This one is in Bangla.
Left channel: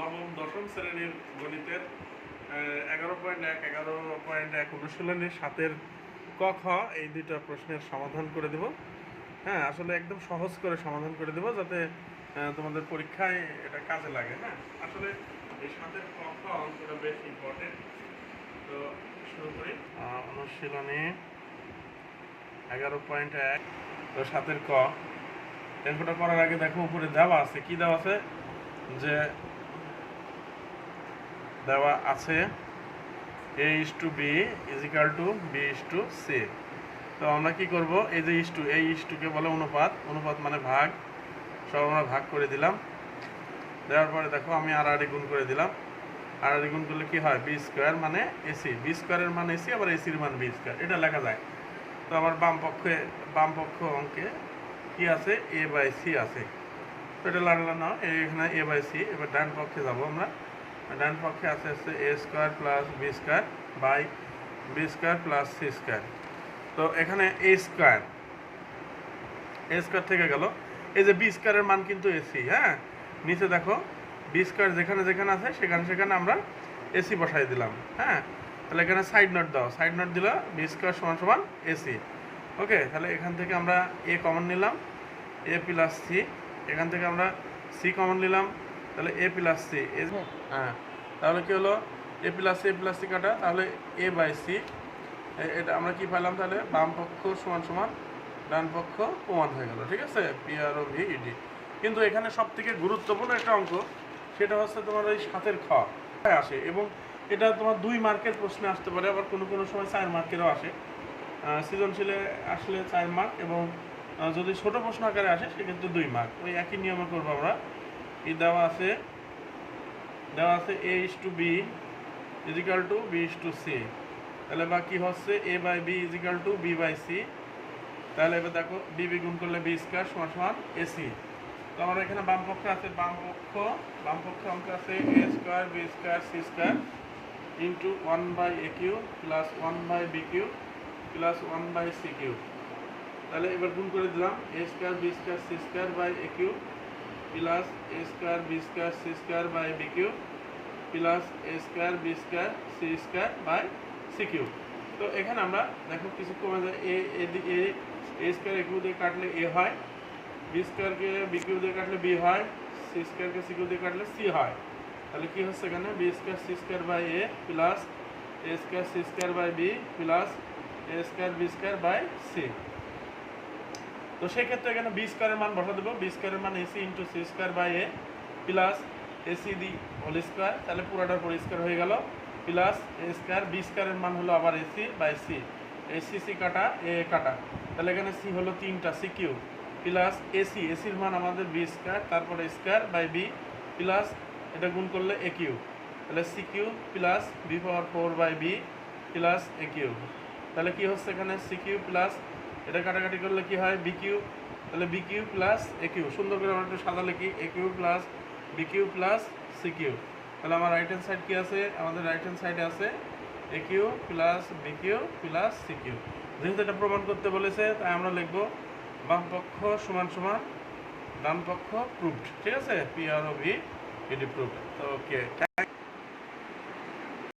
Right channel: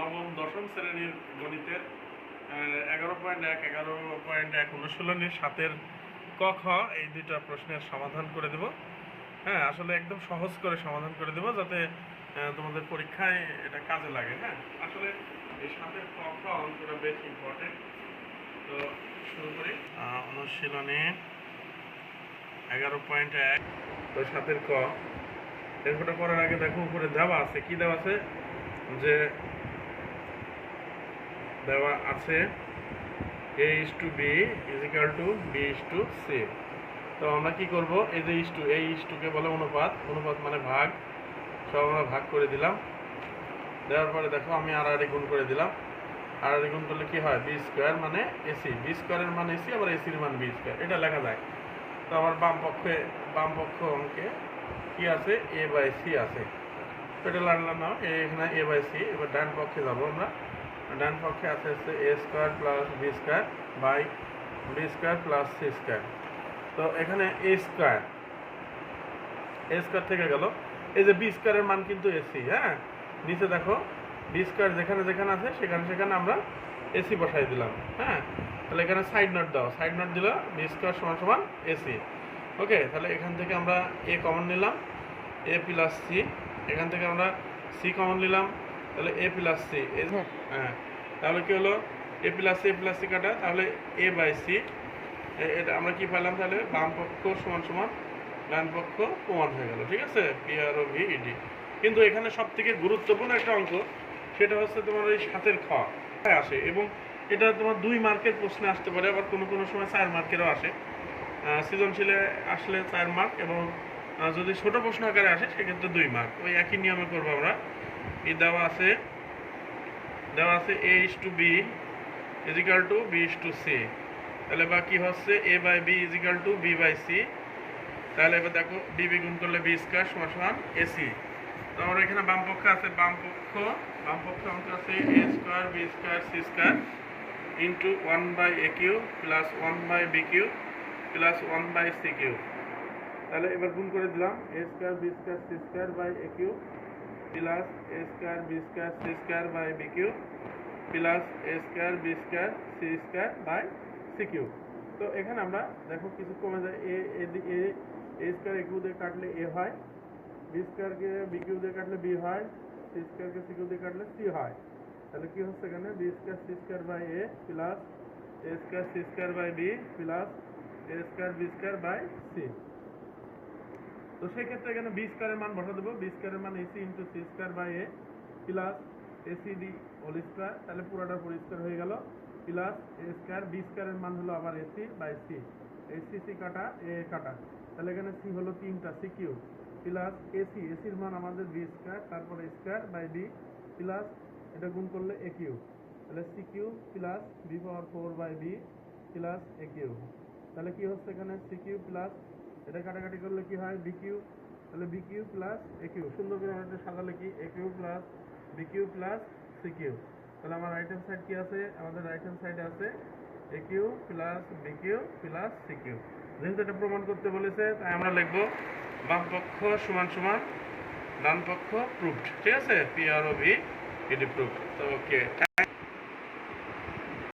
নবম দশম শ্রেণীর গণিতের 11.1 অনুশীলনীর 7-এর ক খ এই দুইটা প্রশ্নের সমাধান করে দেব। হ্যাঁ, আসলে একদম সহজ করে সমাধান করে দেব যাতে তোমাদের পরীক্ষায় এটা কাজে লাগে। হ্যাঁ, আসলে এই 7-এর ক খ অঙ্কটা বেশ ইম্পর্টেন্ট। তো শুরু করি। অনুশীলনী 11.1 তো 7-এর ক অঙ্কটা করার আগে দেখো উপরে দেওয়া আছে, কি দেওয়া আছে, যে দেওয়া আছে a:b = b:c। তো আমরা কি করব, এই যে এই কে বলে অনুপাত, অনুপাত মানে ভাগ, সব আমরা ভাগ করে দিলাম। দেওয়ার পরে দেখো আমি আর গুণ করে দিলাম। আর গুণ করলে কি হয়, b² মানে ac, b² এর মান ac, আবার ac এর মান b², এটা লেখা যায়। তো আমার বাম পক্ষ অঙ্কে কি আছে, a/c আছে। তো এটা লাগলো না, এখানে a/c। এবার ডান পক্ষে যাবো আমরা। ডান পক্ষে আছে a² + b² by b² + c²। তো এখানে a² থেকে গেল, এই যে b² এর মান কিন্তু ac। হ্যাঁ, নিচে দেখো b² যেখানে যেখানে আছে সেখানে আমরা ac বসাই দিলাম। হ্যাঁ, তাহলে এখানে সাইড নোট দাও, সাইড নোট দিলাম b² = ac। ওকে, তাহলে এখান থেকে আমরা a কমন নিলাম, a + c। এখান থেকে আমরা c কমন নিলাম, তাহলে a + c। হ্যাঁ, তাহলে কি হলো, a + c কাটা, তাহলে a/c। এটা আমরা কি পেলাম, তাহলে বাম পক্ষ = ডান পক্ষ প্রমাণ হয়ে গেল। ঠিক আছে, PROVED। কিন্তু এখানে সবথেকে গুরুত্বপূর্ণ একটা অঙ্ক, সেটা হচ্ছে তোমার এই 7-এর খ আসে, এবং এটা তোমার 2 মার্কের প্রশ্নে আসতে পারে, আবার কোনো সময় 4 মার্কেরও আসে। সৃজনশীলে আসলে 4 মার্ক, এবং যদি ছোট প্রশ্ন আকারে আসে সেক্ষেত্রে 2 মার্ক। ওই একই নিয়মে করবো আমরা। এই দেওয়া আছে a:b = b:c। তাহলে বা কি হচ্ছে, a/b = b/c। তাহলে এবার দেখো b গুণ করলে b² = ac। তো আমরা এখানে বাম পক্ষে আছে, বাম পক্ষ অঙ্ক আছে a² b² c² × 1/aq + 1/bq + 1/cq। তাহলে এবার গুণ করে দিলাম a² b² c²/aq + a² b² c²/bq + a² b² c²/cq। তো এখানে আমরা দেখো কিছু কমে যায়, a² aq দিয়ে কাটলে a হয়, b² কে bq দিয়ে কাটলে b হয়, c² কে cq দিয়ে কাটলে c হয়। তাহলে কি হচ্ছে, এখানে b² c²/a + a² c²/b + a² b²/c। তো সেক্ষেত্রে এখানে b² এর মান বসা দেবো, b² এর মান ac × c²/a + ac the whole square, তাহলে পুরোটার পর স্কয়ার হয়ে গেল, প্লাস a², b² এর মান হলো আবার ac/c, ac কাটা a কাটা, তাহলে এখানে c হলো 3টা cq প্লাস ac, এর মান আমাদের b², তারপরে স্কয়ার/b প্লাস এটা গুণ করলে aq, তাহলে cq plus b⁴/b plus aq। তাহলে কি হচ্ছে, এখানে cq প্লাস এটা কাটাকাটি করলে কি হয়, bq, তাহলে bq প্লাস aq। সুন্দর করে আমরা একটু সাজালে কি, aq plus bq plus cq। তাহলে আমার রাইট হ্যান্ড সাইড কি আছে, আমাদের রাইট হ্যান্ড সাইডে আছে aq plus bq plus cq। যেহেতু এটা প্রমাণ করতে বলেছে, তাই আমরা লিখবো বাম পক্ষ = ডান পক্ষ প্রুভড। ঠিক আছে, PROVED প্রুভড। ওকে।